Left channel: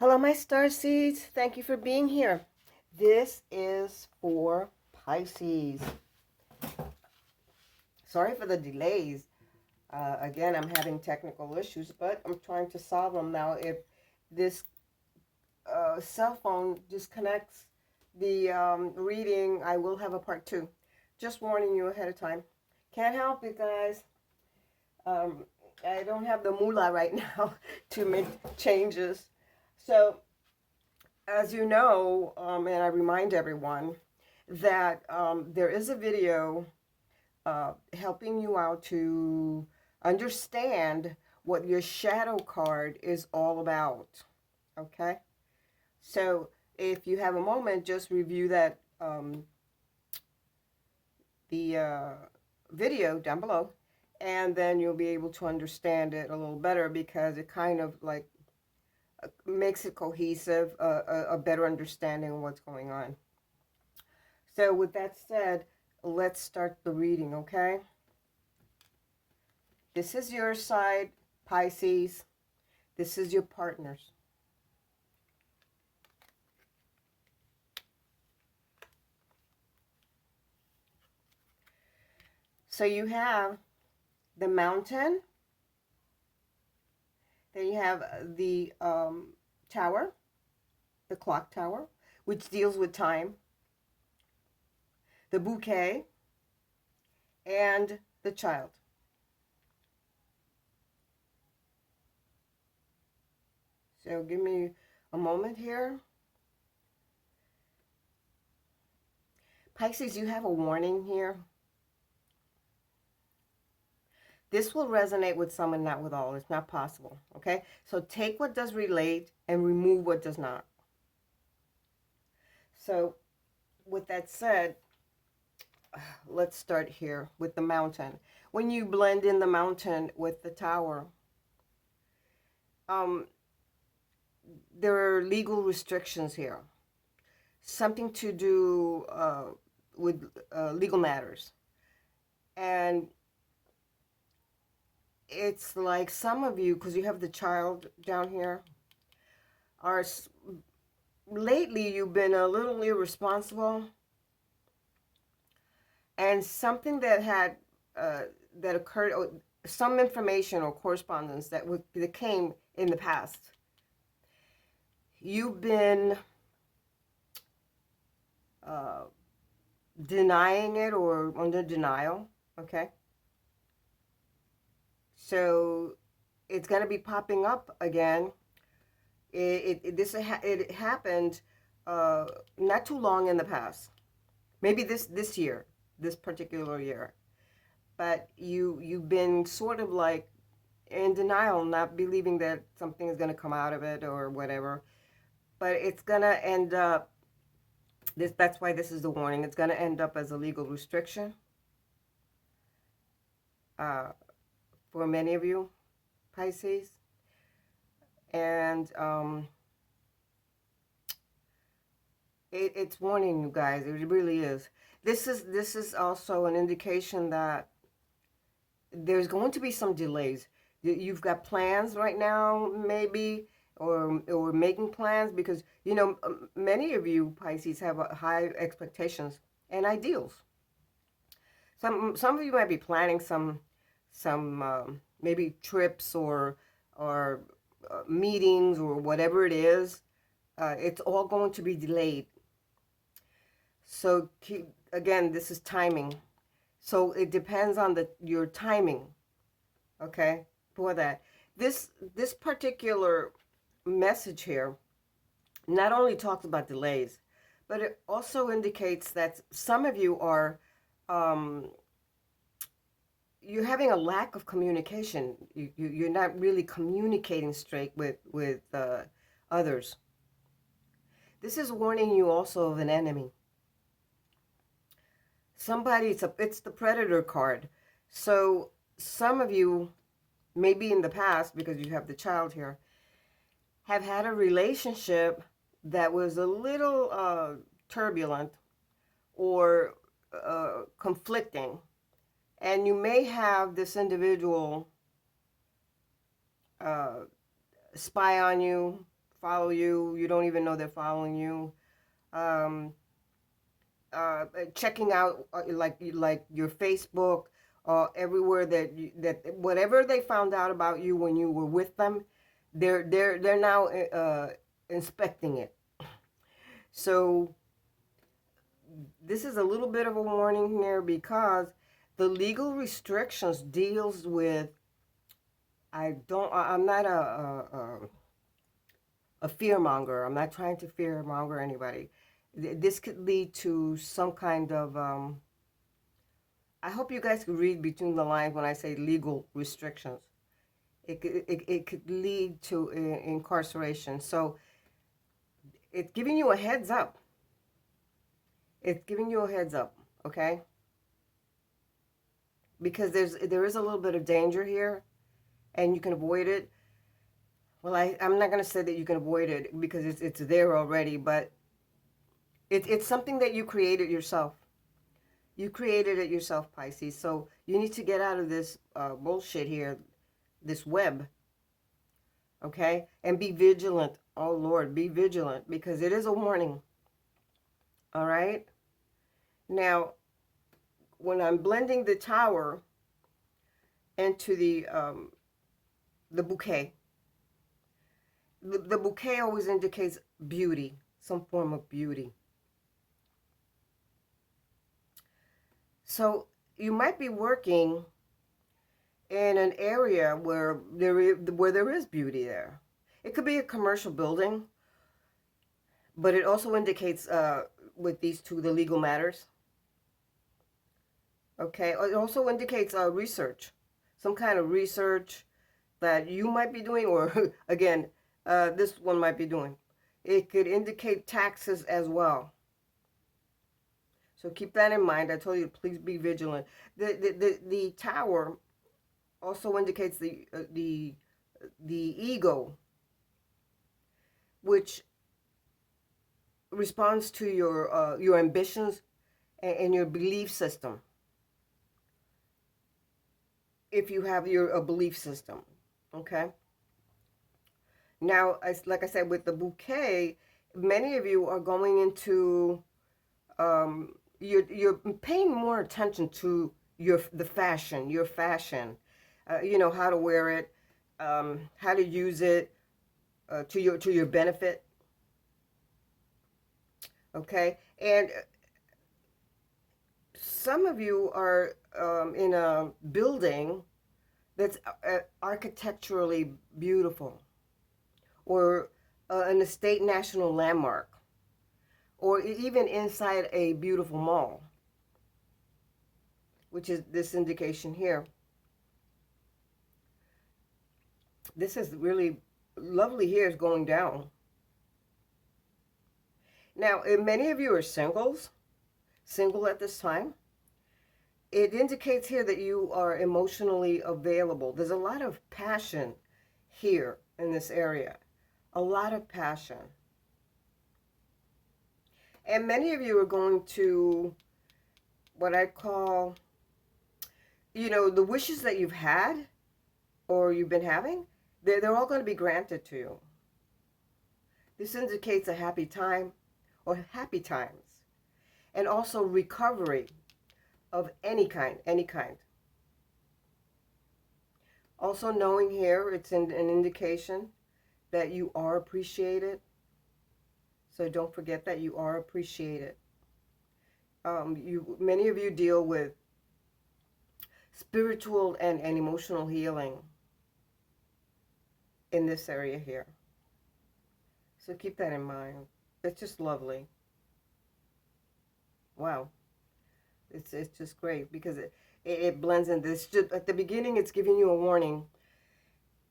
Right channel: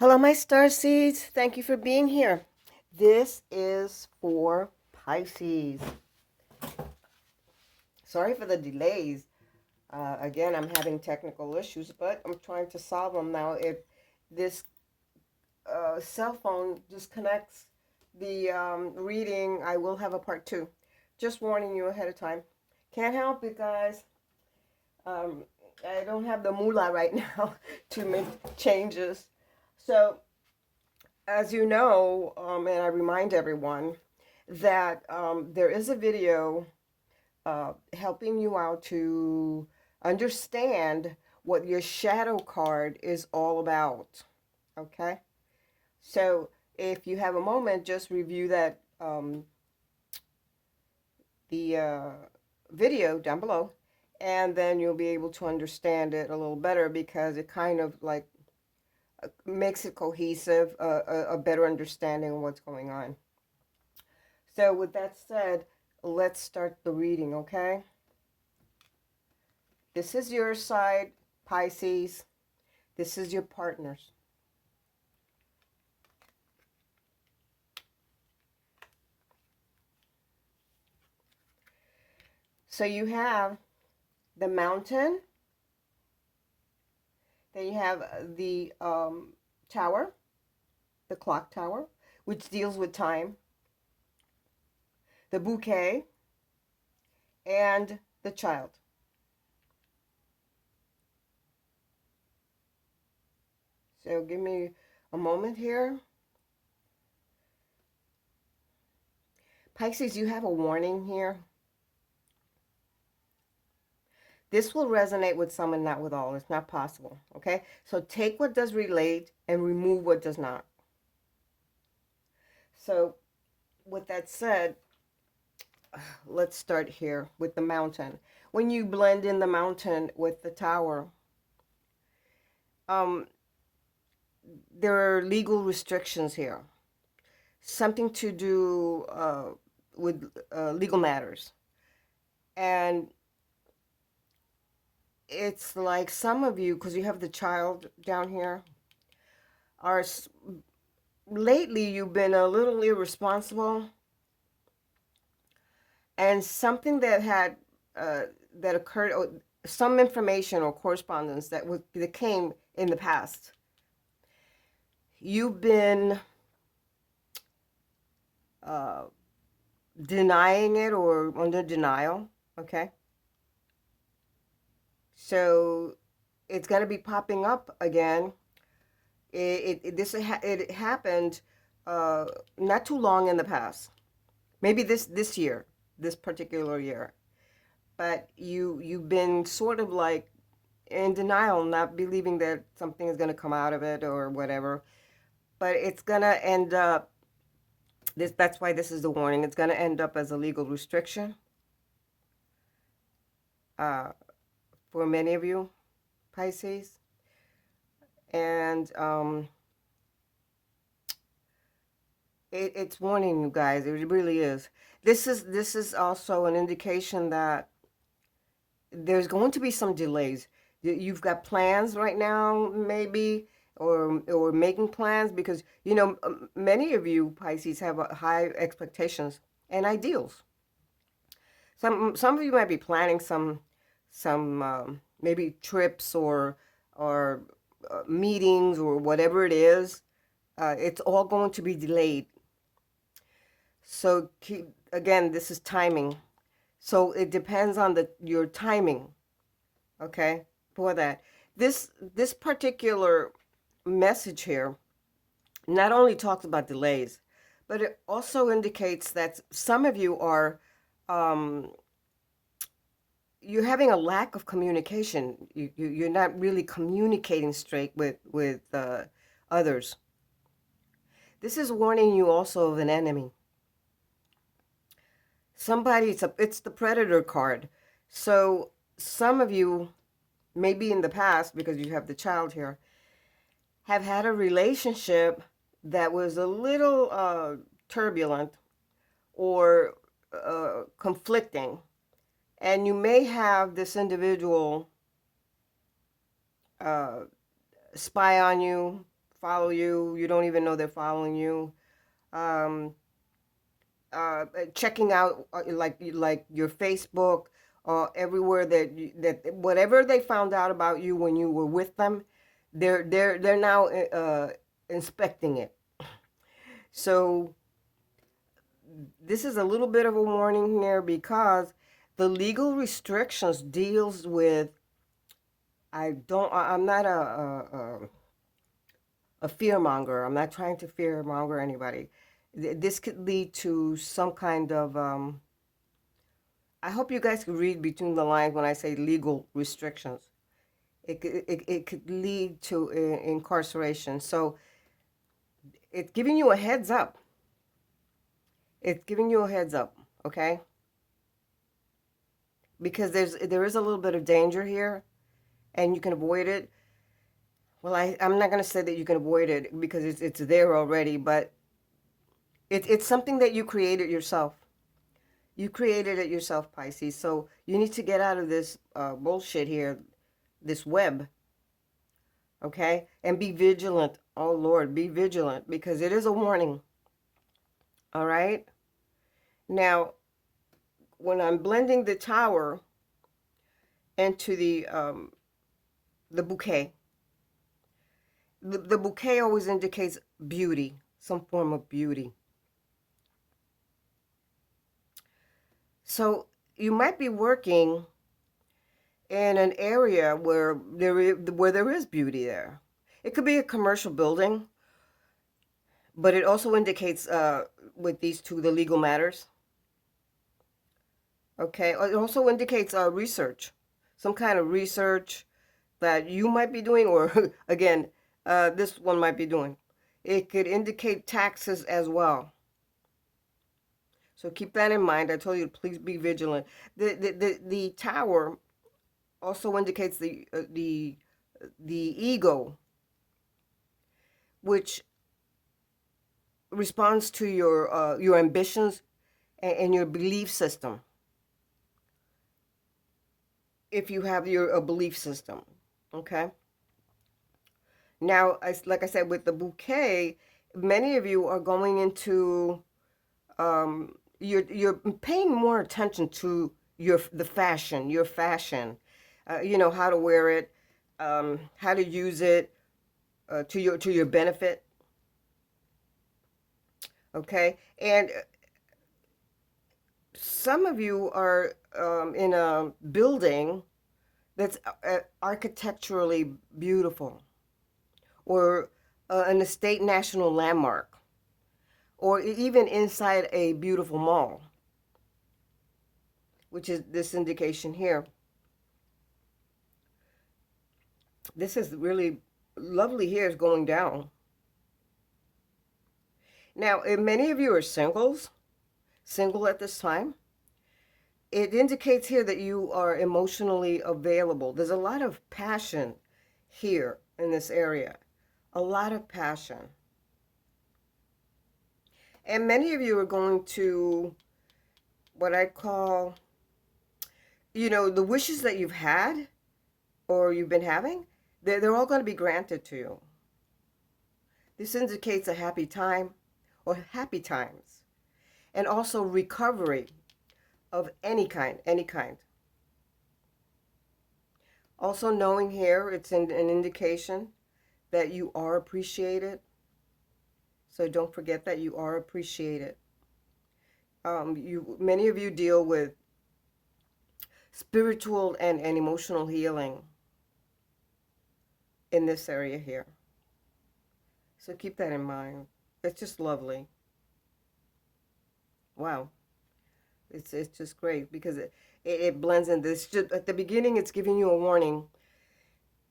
Hello, my starseeds. Thank you for being here. This is for Pisces. Sorry for the delays. Again, I'm having technical issues, but I'm trying to solve them now. If this cell phone disconnects the reading, I will have a part two. Just warning you ahead of time. Can't help it, guys. Um, I don't have the moolah right now to make changes. So as you know, and I remind everyone that there is a video helping you out to understand what your shadow card is all about. Okay? So if you have a moment, just review that the video down below, and then you'll be able to understand it a little better because it kind of like makes it cohesive, a better understanding of what's going on. So with that said, let's start the reading, okay? This is your side, Pisces. This is your partners. So you have the mountain. Then you have the tower, the clock tower, which deals with time. The bouquet and the child. So give me a moment here. Pisces, you have a warning here. This will resonate with some and not with all. It's not possible, okay? So take what does relate and remove what does not. So with that said, let's start here with the mountain. When you blend in the mountain with the tower, um, there are legal restrictions here. Something to do with legal matters. And it's like some of you, because you have the child down here, are lately you've been a little irresponsible, and something that had that occurred, or some information or correspondence that came in the past. You've been uh, denying it or under denial, okay? So it's going to be popping up again. It happened uh, not too long in the past. Maybe this year, this particular year. But you've been sort of like in denial, not believing that something is going to come out of it or whatever. But it's going to end up that's why this is the warning. It's going to end up as a legal restriction uh, for many of you, Pisces. And it's warning you guys. It really is. This is also an indication that there's going to be some delays. You've got plans right now, maybe, or making plans because many of you Pisces have high expectations and ideals. Some of you might be planning some maybe trips or meetings or whatever it is. It's all going to be delayed. So again, this is timing. So it depends on your timing, okay, for that. This particular message here not only talks about delays, but it also indicates that some of you are um, you're having a lack of communication. You're not really communicating straight with others. This is warning you also of an enemy. It's the predator card. So some of you, maybe in the past, because you have the child here, have had a relationship that was a little turbulent or conflicting. And you may have this individual uh, spy on you, follow you. You don't even know they're following you. Um, Checking out like your Facebook, everywhere that whatever they found out about you when you were with them, they're now inspecting it. So this is a little bit of a warning here because the legal restrictions deals with I'm not a fear monger. I'm not trying to fear monger anybody. This could lead to some kind of I hope you guys can read between the lines when I say legal restrictions. It could lead to incarceration. So it's giving you a heads up. It's giving you a heads up, okay? Because there is a little bit of danger here, and you can avoid it. Well, I'm not going to say that you can avoid it because it's there already, but it's something that you created yourself. You created it yourself, Pisces. So you need to get out of this bullshit here, this web, okay? And be vigilant. Oh, Lord, be vigilant because it is a warning, all right? Now, when I'm blending the tower into the bouquet, the bouquet always indicates beauty, some form of beauty. So you might be working in an area where there is beauty there. It could be a commercial building, but it also indicates with these two the legal matters. Okay, it also indicates research, some kind of research that you might be doing, or again, this one might be doing. It could indicate taxes as well. So keep that in mind. I told you, please be vigilant. The tower also indicates the ego, which responds to your ambitions and your belief system. If you have your a belief system, okay. Now, like I said, with the bouquet, many of you are going into you're paying more attention to the fashion, your fashion, how to wear it, how to use it to your benefit. Okay, and some of you are in a building that's architecturally beautiful, or an estate national landmark, or even inside a beautiful mall, which is this indication here. This is really lovely here is going down. Now, if many of you are single at this time, it indicates here that you are emotionally available. There's a lot of passion here in this area, a lot of passion. And many of you are going to what I call, the wishes that you've had or you've been having, they're all going to be granted to you. This indicates a happy time or happy times, and also recovery of any kind, any kind. Also knowing here, it's an indication that you are appreciated. So don't forget that you are appreciated. Many of you deal with spiritual and emotional healing in this area here. So keep that in mind. It's just lovely. Wow. It's just great because it blends in. This at the beginning, it's giving you a warning.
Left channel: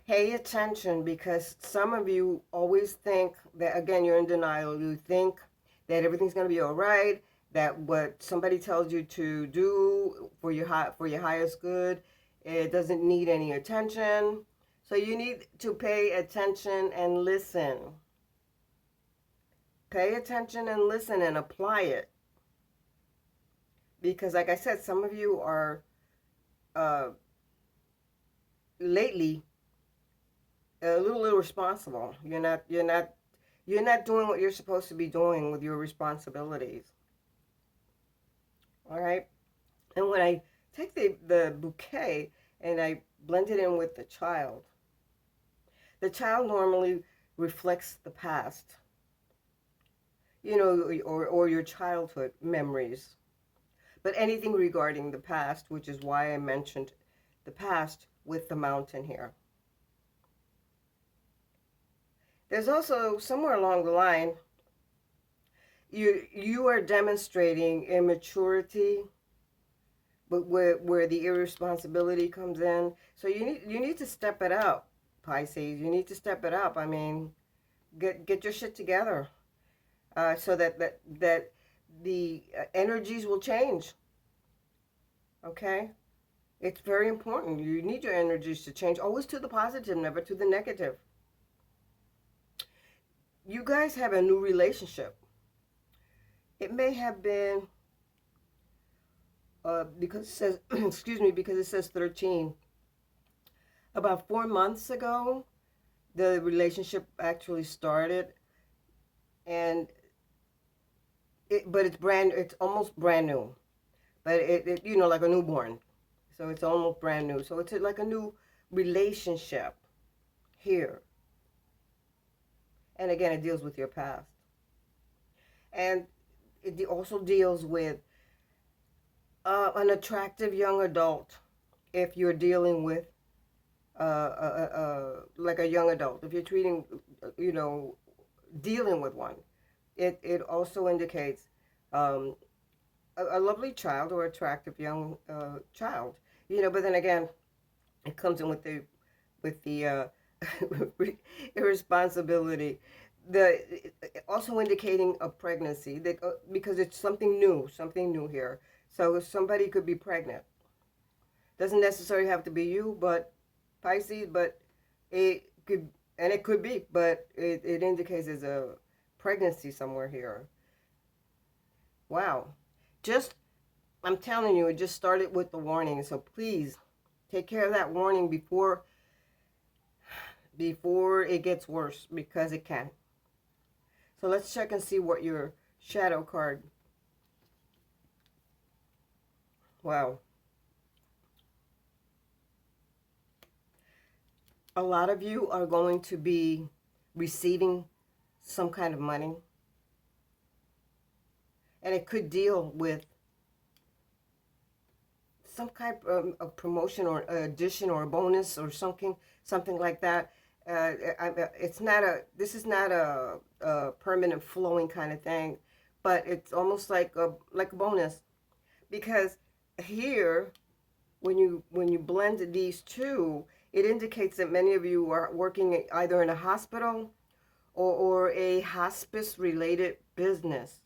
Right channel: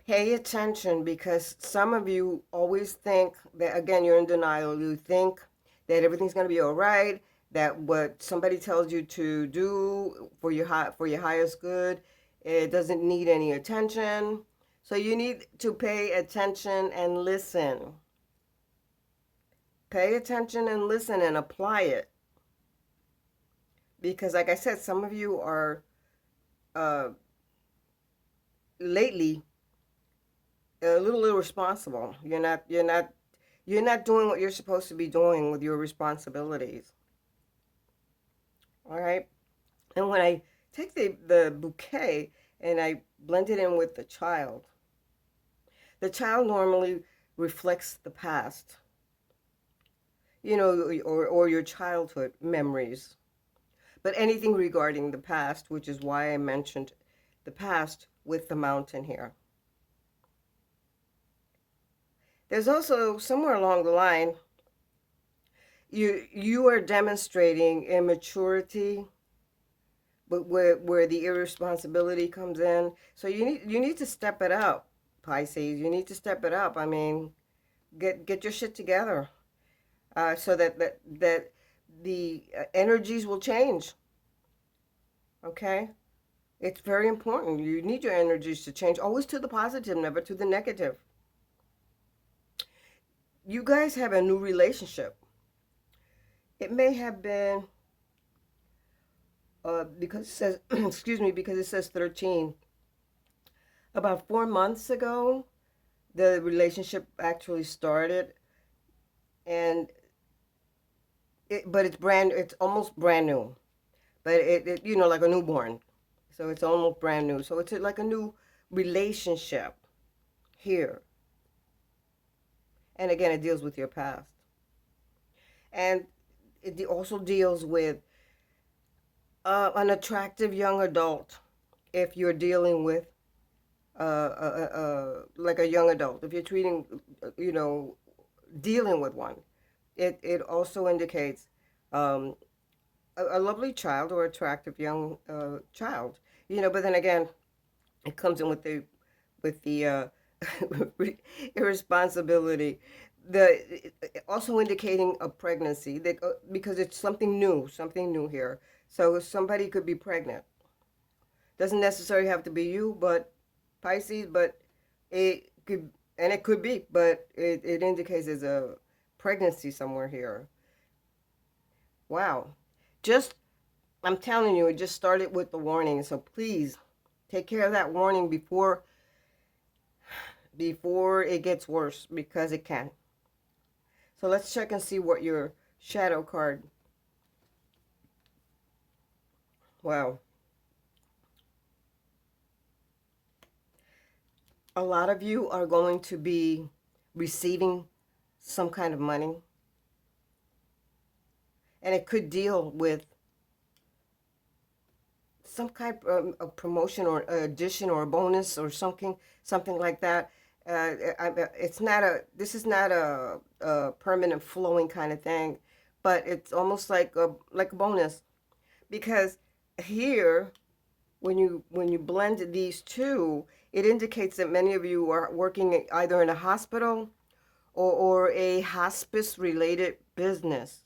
Pay attention because some of you always think that, again, you're in denial. You think that everything's going to be all right, that what somebody tells you to do for your highest good, it doesn't need any attention. So you need to pay attention and listen. Pay attention and listen and apply it. Because like I said, some of you are lately a little irresponsible. You're not doing what you're supposed to be doing with your responsibilities. All right. And when I take the bouquet and I blend it in with the child normally reflects the past, or your childhood memories. But anything regarding the past, which is why I mentioned the past with the mountain here. There's also somewhere along the line, you are demonstrating immaturity, but where the irresponsibility comes in. So you need to step it up, Pisces. You need to step it up. I mean, get your shit together, so that the energies will change. Okay, it's very important. You need your energies to change, always to the positive, never to the negative. You guys have a new relationship. It may have been because it says excuse me, because it says 13. About 4 months ago, the relationship actually started, and it's almost brand new, but it like a newborn, so it's almost brand new. So it's like a new relationship here, and again, it deals with your past, and it also deals with an attractive young adult. If you're dealing with like a young adult, if you're treating, you know, dealing with one, it also indicates um, a lovely child or attractive young child. But then again, it comes in with the irresponsibility. The Also indicating a pregnancy, that because it's something new here. So somebody could be pregnant. Doesn't necessarily have to be you, but Pisces, but it could, and it could be, but it indicates there's a pregnancy somewhere here. Wow. Just, I'm telling you, it just started with the warning. So please take care of that warning before it gets worse, because it can. So let's check and see what your shadow card. Wow. A lot of you are going to be receiving some kind of money, and it could deal with some kind of promotion or addition or a bonus or something like that. It's not a This is not a permanent flowing kind of thing, but it's almost like a bonus, because here, when you blend these two, it indicates that many of you are working either in a hospital or a hospice related business.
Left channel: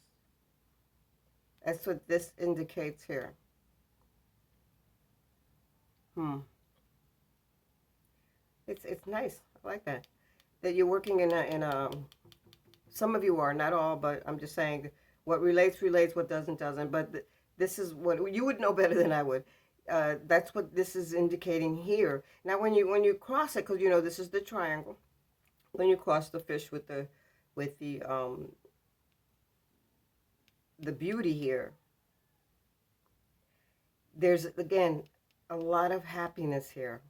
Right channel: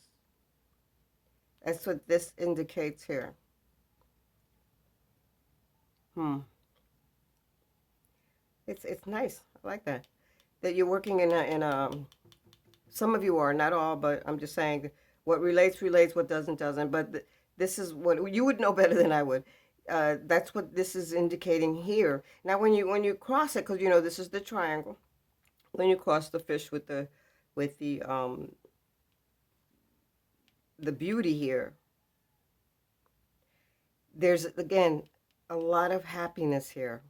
That's what this indicates here. Hmm. It's nice. I like that you're working in a. Some of you are, not all, but I'm just saying, what relates, what doesn't. But this is what you would know better than I would. That's what this is indicating here. Now, when you cross it, because this is the triangle. When you cross the fish with the beauty here, there's again a lot of happiness here.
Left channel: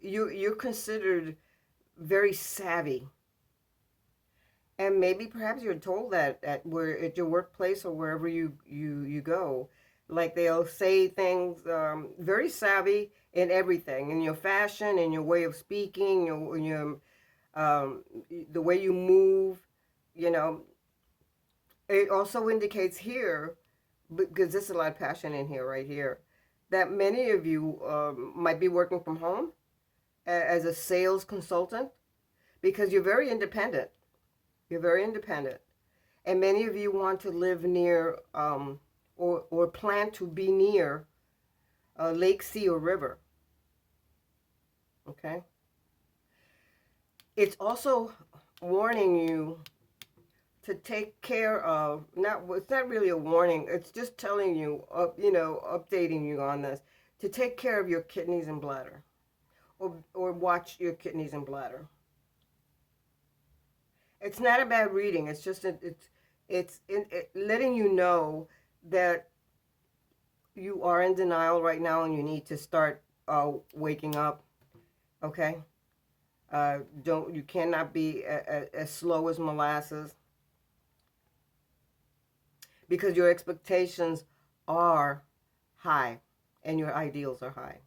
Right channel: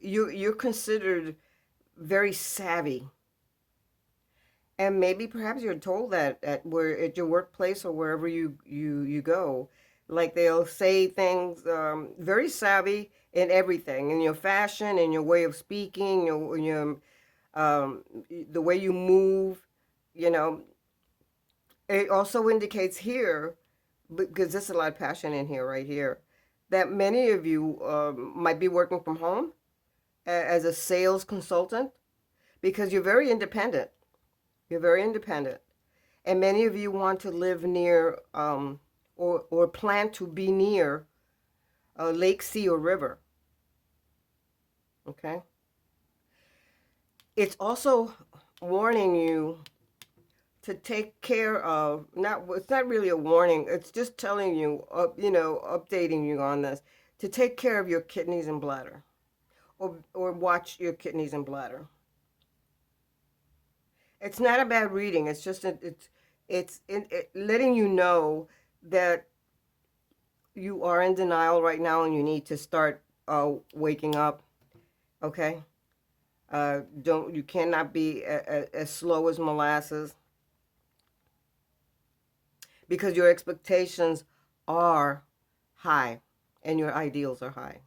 You're considered very savvy, and maybe perhaps you're told that at your workplace or wherever you go, like they'll say things, very savvy in everything, in your fashion, in your way of speaking, um, the way you move. You know, it also indicates here, because there's a lot of passion in here, right here, that many of you might be working from home as a sales consultant, because you're very independent. You're very independent. And many of you want to live near, or plan to be near a lake, sea, or river. Okay? It's also warning you to take care of, it's not really a warning, it's just telling you, updating you on this, to take care of your kidneys and bladder, or watch your kidneys and bladder. It's not a bad reading. It's just letting you know that you are in denial right now and you need to start waking up. Okay. Don't you cannot be as slow as molasses, because your expectations are high and your ideals are high.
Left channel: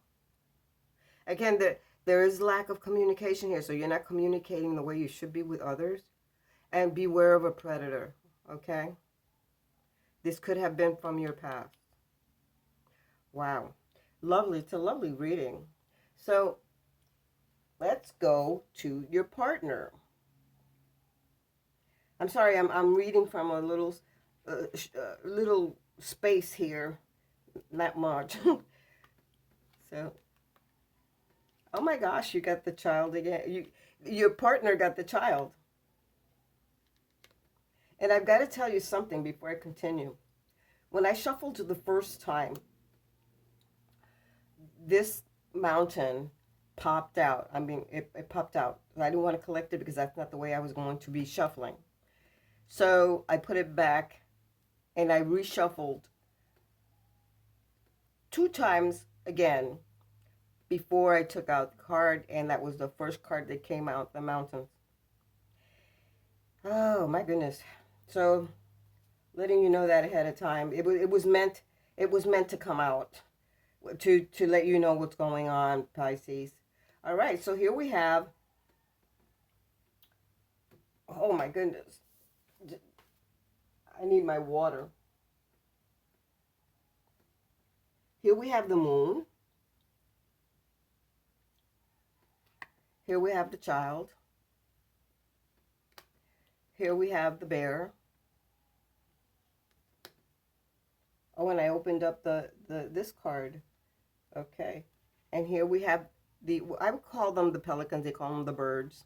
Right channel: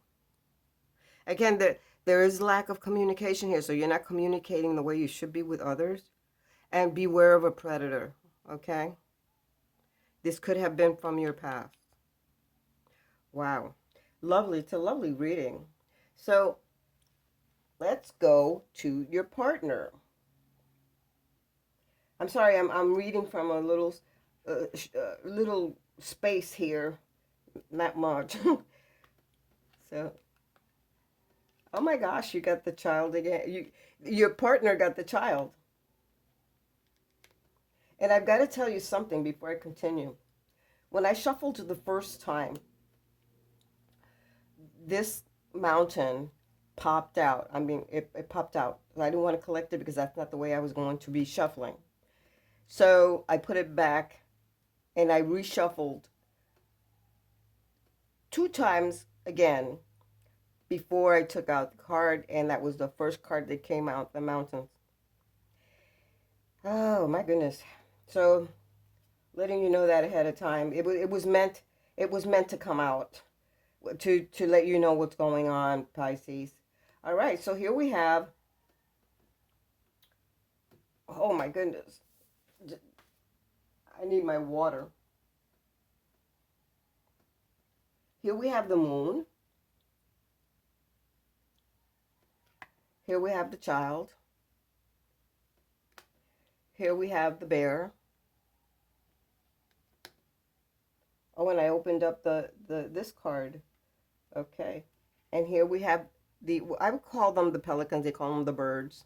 Again, there is lack of communication here, so you're not communicating the way you should be with others. And beware of a predator, okay? This could have been from your past. Wow. Lovely. It's a lovely reading. So let's go to your partner. I'm sorry, I'm reading from a little space here, not much. So, oh my gosh, you got the child again. Your partner got the child. And I've got to tell you something before I continue. When I shuffled the first time, this mountain popped out. I mean, it popped out. I didn't want to collect it because that's not the way I was going to be shuffling. So I put it back and I reshuffled 2 times again before I took out the card, and that was the first card that came out, the mountains. Oh my goodness. So letting you know that ahead of time. It was meant to come out to let you know what's going on, Pisces. All right, so here we have, oh my goodness, I need my water. Here we have the moon. Here we have the child. Here we have the bear. Oh, and I opened up this card. Okay. And here we have I would call them the pelicans, they call them the birds.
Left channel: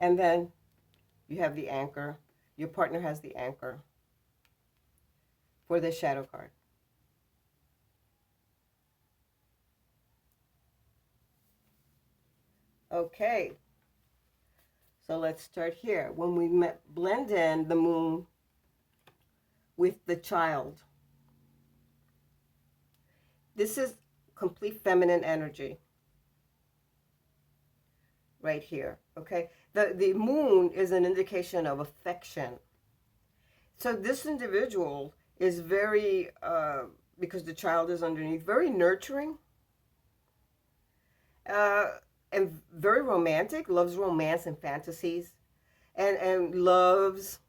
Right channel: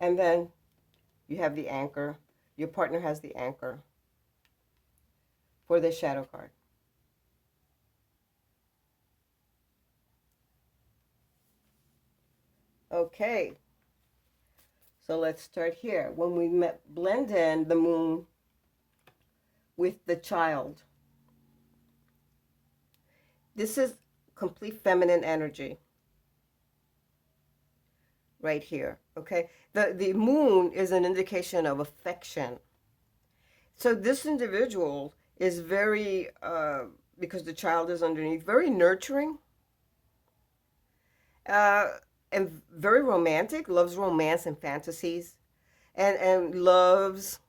And then you have the anchor. Your partner has the anchor for the shadow card. Okay. So let's start here. When we blend in the moon with the child, this is complete feminine energy right here, okay? The moon is an indication of affection. So this individual is very, because the child is underneath, very nurturing, uh, and very romantic, loves romance and fantasies, and loves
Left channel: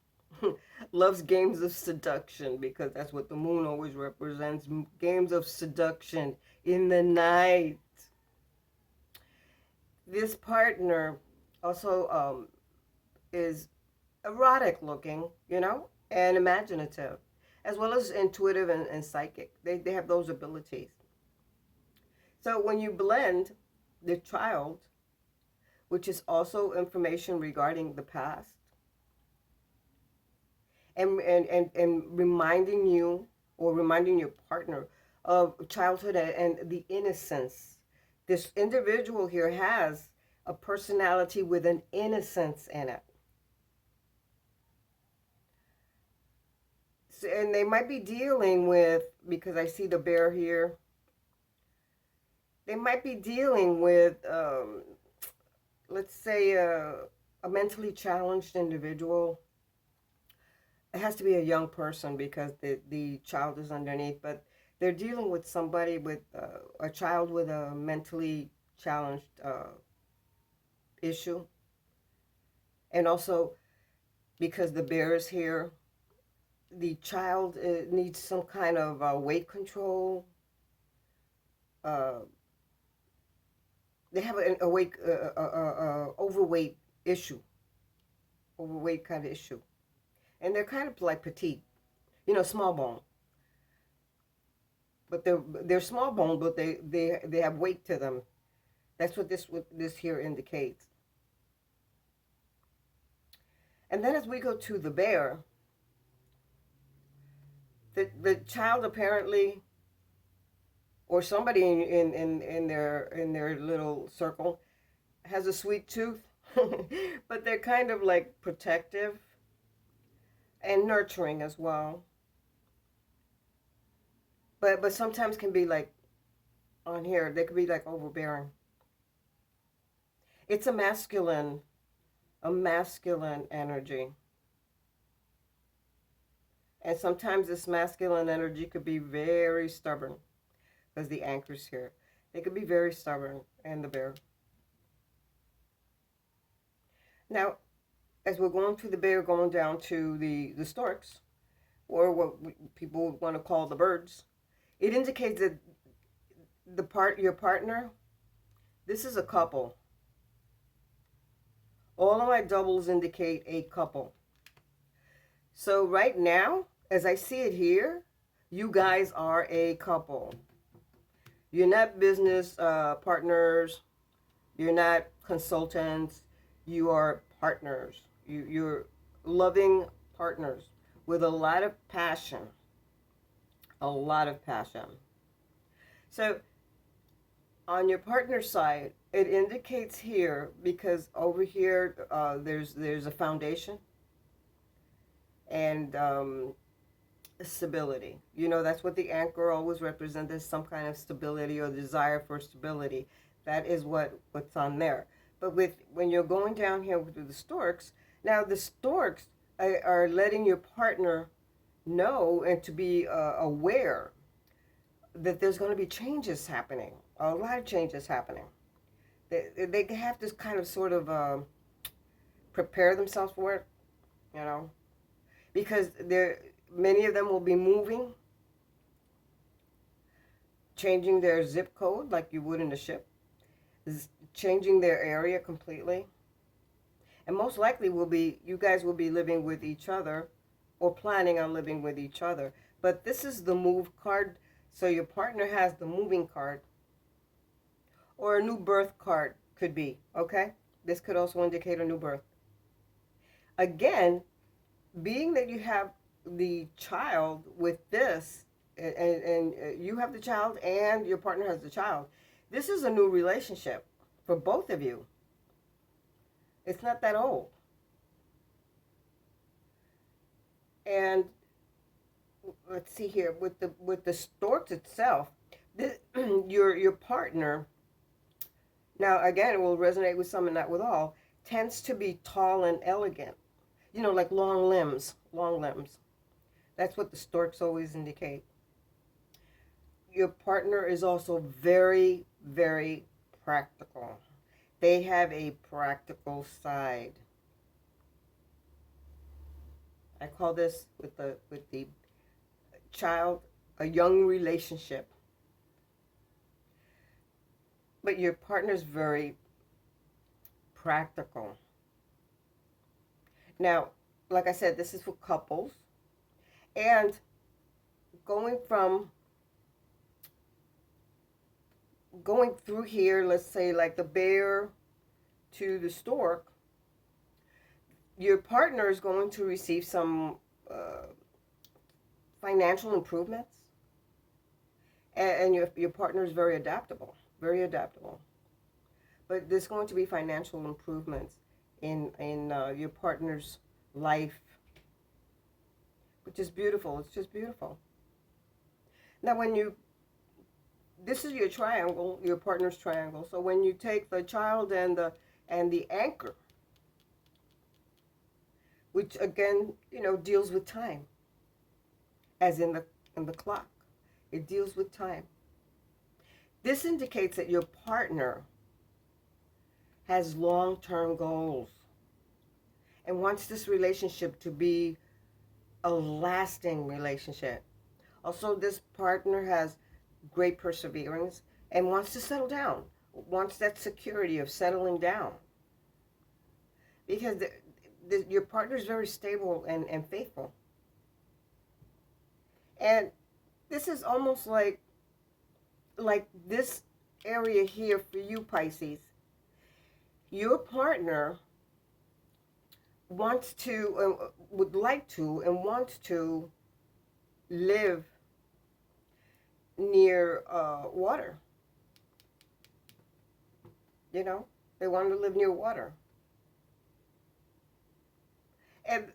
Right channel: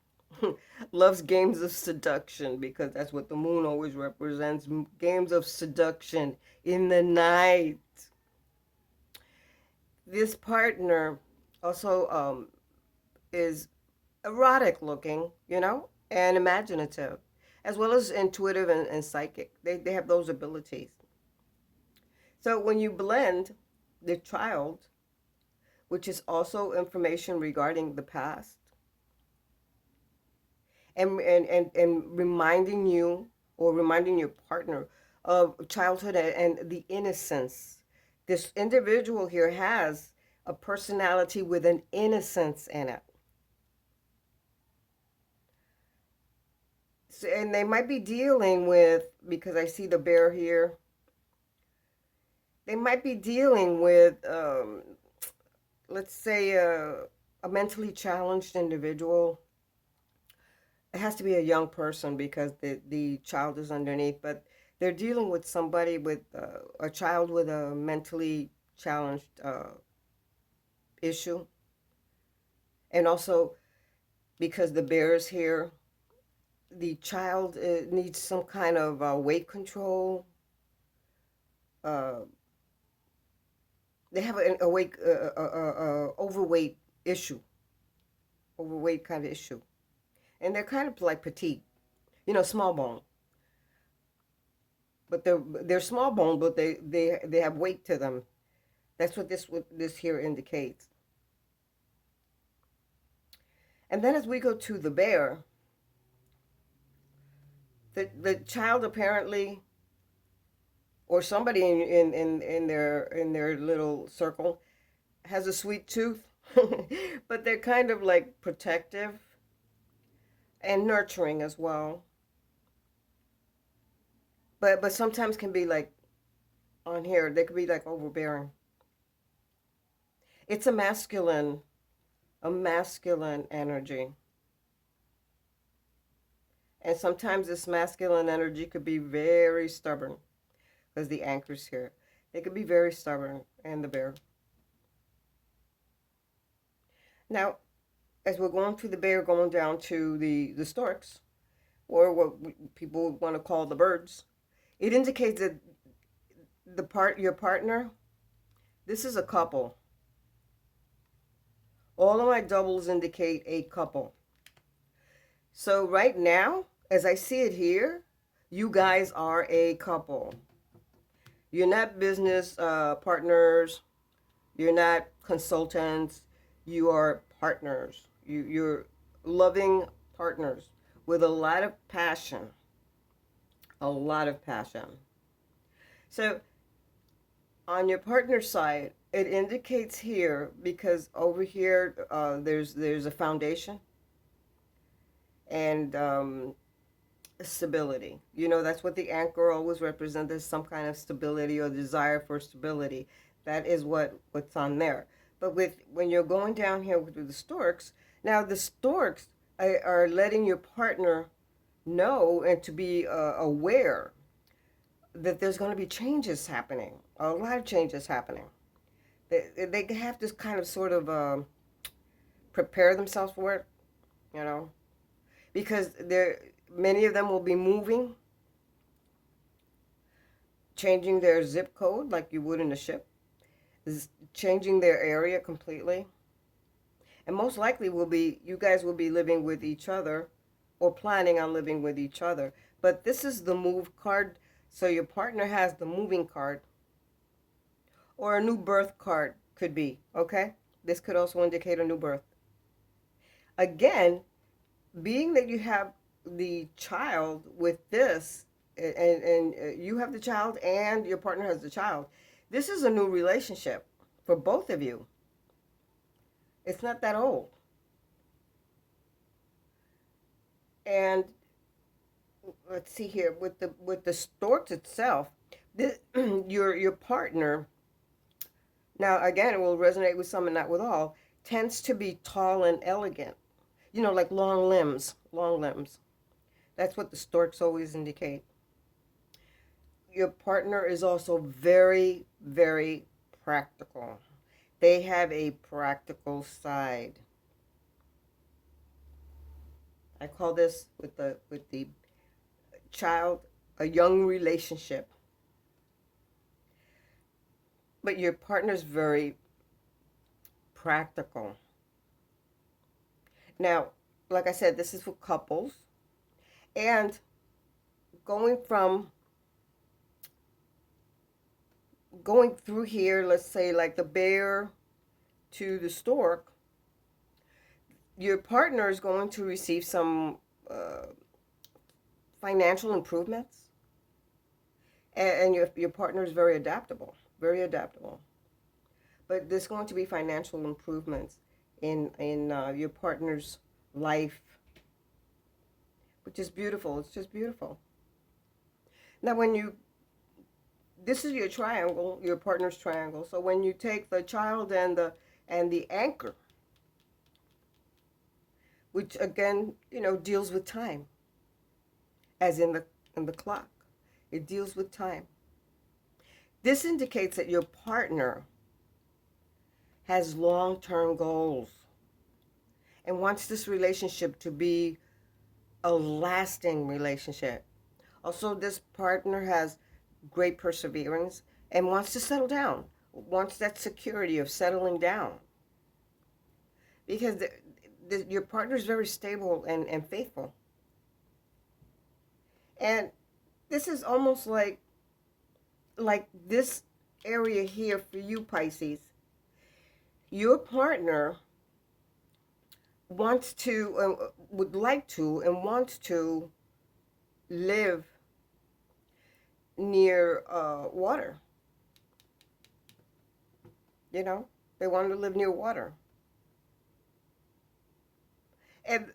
loves games of seduction, because that's what the moon always represents, games of seduction in the night. This partner also is erotic looking, and imaginative, as well as intuitive and psychic. They have those abilities. So when you blend the child, which is also information regarding the past, and reminding you or reminding your partner of childhood and the innocence. This individual here has a personality with an innocence in it. So, and they might be dealing with, because I see the bear here, they might be dealing with, let's say, a mentally challenged individual. It has to be a young person because the child is underneath, but they're dealing with somebody with a child with a mentally challenged issue. And also, because the bear is here, the child needs some kind of weight control. Uh, they have an overweight issue, overweight kind of issue. And they're kind of like petite, small bone. But they're small bone, but they have weight to them. That's what this here indicates. And then as we go to the bear, the child apparently or somebody in their little circle has a sweet tooth, but they're kind of like protective and nurturing as well. But sometimes can be like on here, they could be like overbearing. It's a masculine energy. And sometimes this masculine energy could be very stubborn because the anchor's here. They could be very stubborn, and the bear. Now, as we're going through the bear, going down to the storks, or what people want to call the birds, it indicates that your partner, this is a couple. All of my doubles indicate a couple. So right now, as I see it here, you guys are a couple. You're not business partners. You're not consultants. You are partners. You're loving partners with a lot of passion. A lot of passion. So on your partner side, it indicates here, because over here there's a foundation and stability. You know, that's what the anchor always represents, is some kind of stability or desire for stability. That is what's on there. But when you're going down here with the storks, now the storks are letting your partner know and to be aware that there's going to be changes happening, a lot of changes happening. They have to kind of sort of prepare themselves for it, you know, because many of them will be moving, changing their zip code like you would in a ship, changing their area completely. And most likely you guys will be living with each other or planning on living with each other. But this is the move card, so your partner has the moving card, or a new birth card could be, okay? This could also indicate a new birth. Again, being that you have the child with this, and you have the child and your partner has the child, this is a new relationship for both of you. It's not that old. And let's see here, with the storks itself, your partner, now again it will resonate with some and not with all, tends to be tall and elegant. You know, like long limbs, long limbs. That's what the storks always indicate. Your partner is also very, very practical. They have a practical side. I call this with the child a young relationship. But your partner's very practical. Now, like I said, this is for couples. And going through here, let's say like the bear to the stork, your partner is going to receive some financial improvements, and your partner is very adaptable, very adaptable. But there's going to be financial improvements in your partner's life, which is beautiful. It's just beautiful. Now, this is your triangle, your partner's triangle. So when you take the child and the anchor, which again, you know, deals with time, as in the clock, it deals with time. This indicates that your partner has long-term goals and wants this relationship to be a lasting relationship. Also, this partner has great perseverance and wants to settle down, wants that security of settling down. Because your partner is very stable and faithful. And this is almost like this area here for you, Pisces. Your partner wants to, would like to, and wants to live. near water. You know, they wanted to live near water. And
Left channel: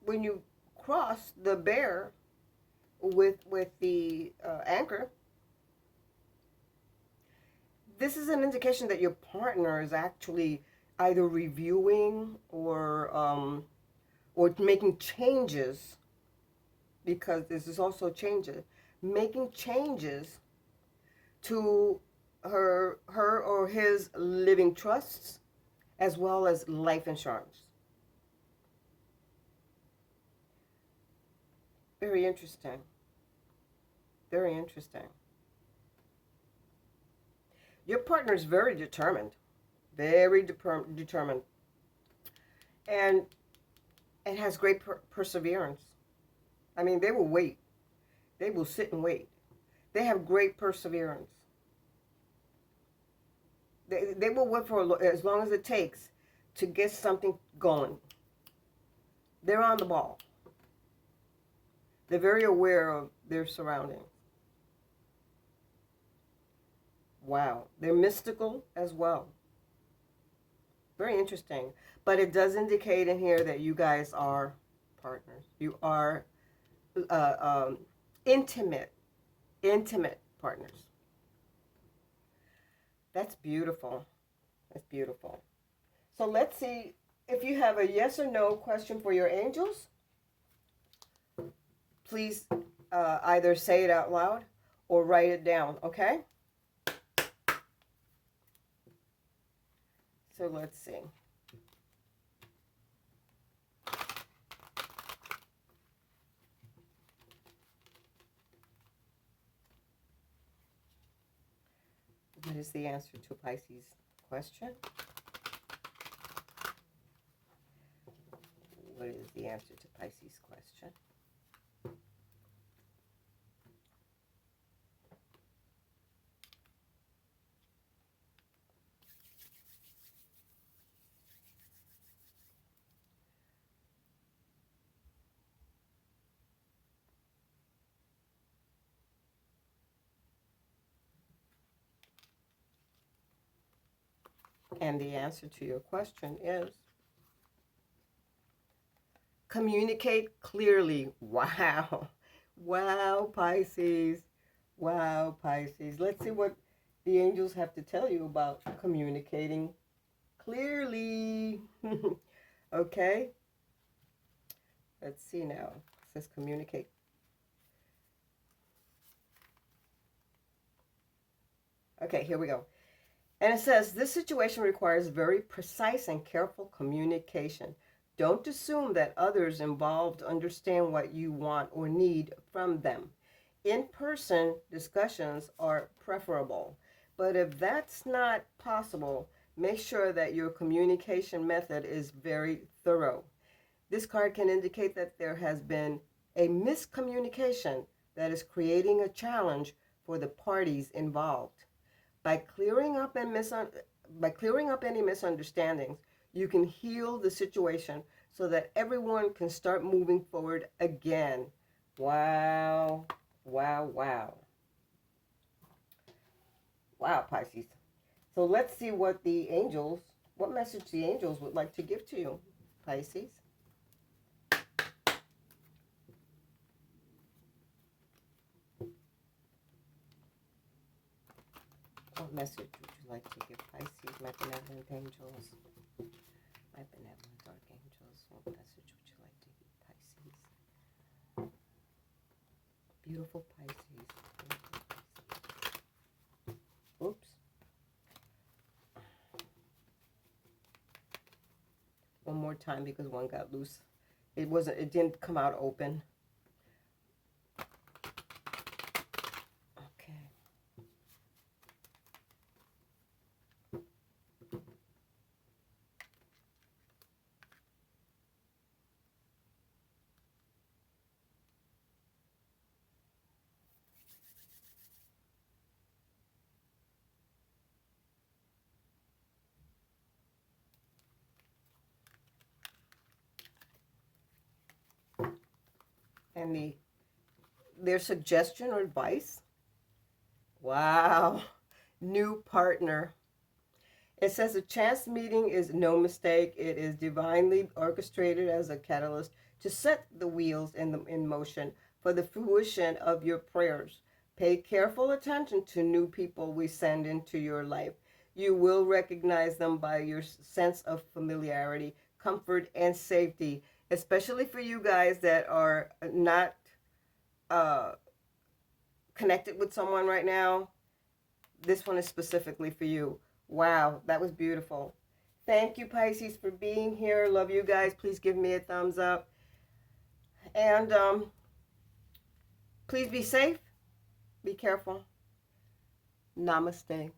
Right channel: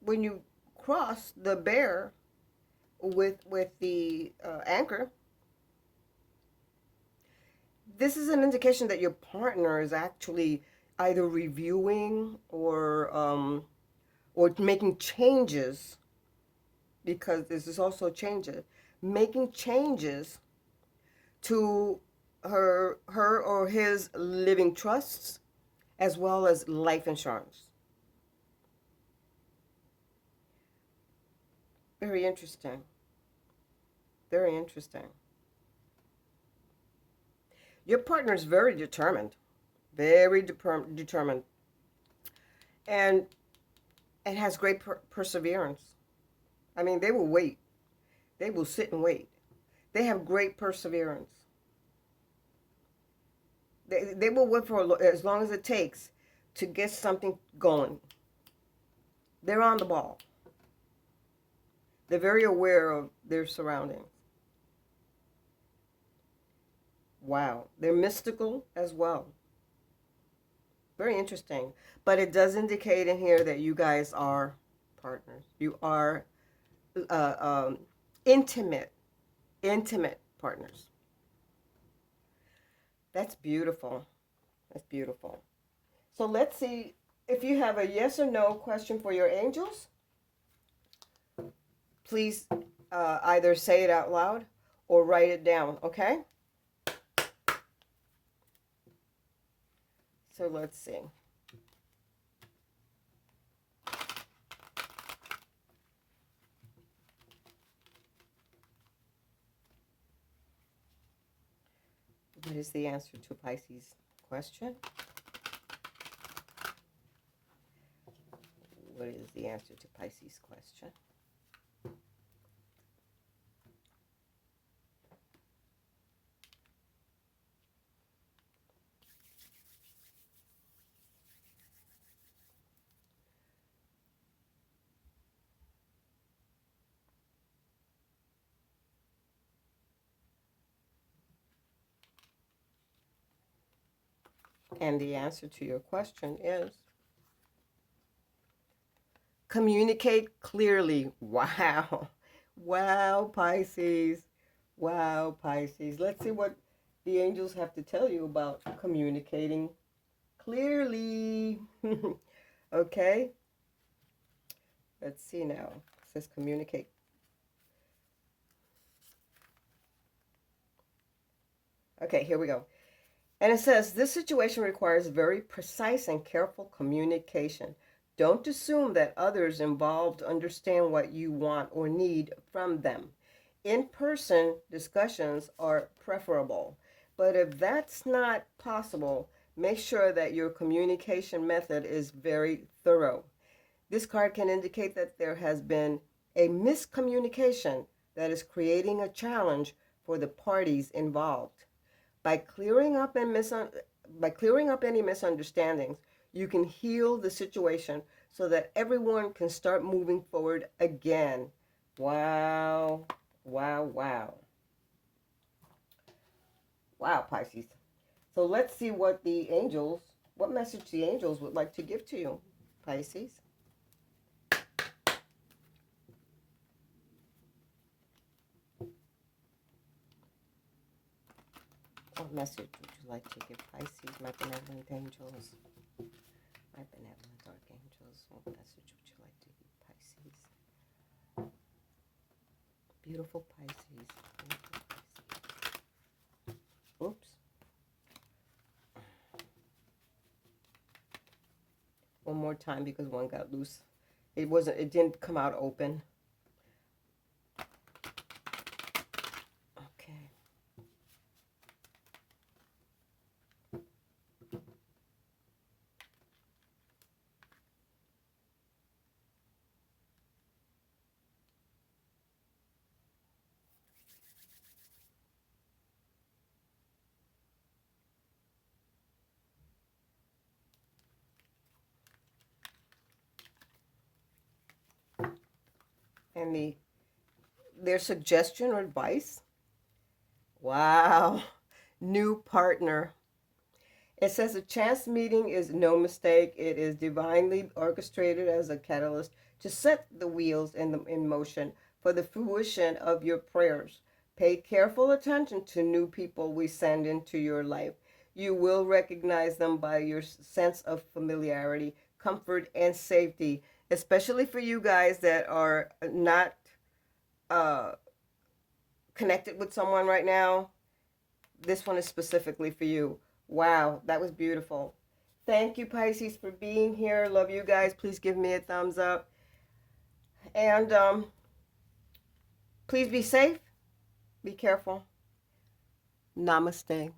when you cross the bear with the anchor, this is an indication that your partner is actually either reviewing or making changes, because this is also changes, making changes to her or his living trusts as well as life insurance. Very interesting. Very interesting. Your partner is very determined, very determined, and has great perseverance. I mean, they will wait. They will sit and wait. They have great perseverance. They will wait for as long as it takes to get something going. They're on the ball. They're very aware of their surroundings. Wow. They're mystical as well. Very interesting. But it does indicate in here that you guys are partners. You are intimate partners. That's beautiful. That's beautiful. So let's see if you have a yes or no question for your angels. Please either say it out loud or write it down, okay? So let's see. What is the answer to Pisces' question? What is the answer to Pisces' question? And the answer to your question is communicate clearly. Wow. Wow, Pisces. Wow, Pisces. Let's see what the angels have to tell you about communicating clearly. Okay. Let's see now. It says communicate. Okay, here we go. And it says, this situation requires very precise and careful communication. Don't assume that others involved understand what you want or need from them. In-person discussions are preferable, but if that's not possible, make sure that your communication method is very thorough. This card can indicate that there has been a miscommunication that is creating a challenge for the parties involved. By clearing up any misunderstandings, you can heal the situation so that everyone can start moving forward again. Wow, wow, wow. Wow, Pisces. So let's see what message the angels would like to give to you, Pisces. What message would you like to give Pisces, my benevolent angels? My benevolent archangels, what message would you like to give Pisces? Beautiful Pisces. Beautiful Pisces. Oops. One more time because one got loose. It didn't come out open. Okay. And their suggestion or advice Wow. New partner. It says a chance meeting is no mistake. It is divinely orchestrated as a catalyst to set the wheels in motion for the fruition of your prayers. Pay careful attention to new people we send into your life. You will recognize them by your sense of familiarity, comfort, and safety, especially for you guys that are not uh, connected with someone right now. This one is specifically for you. Wow, that was beautiful. Thank you, Pisces, for being here. Love you guys. Please give me a thumbs up. And please be safe. Be careful. Namaste.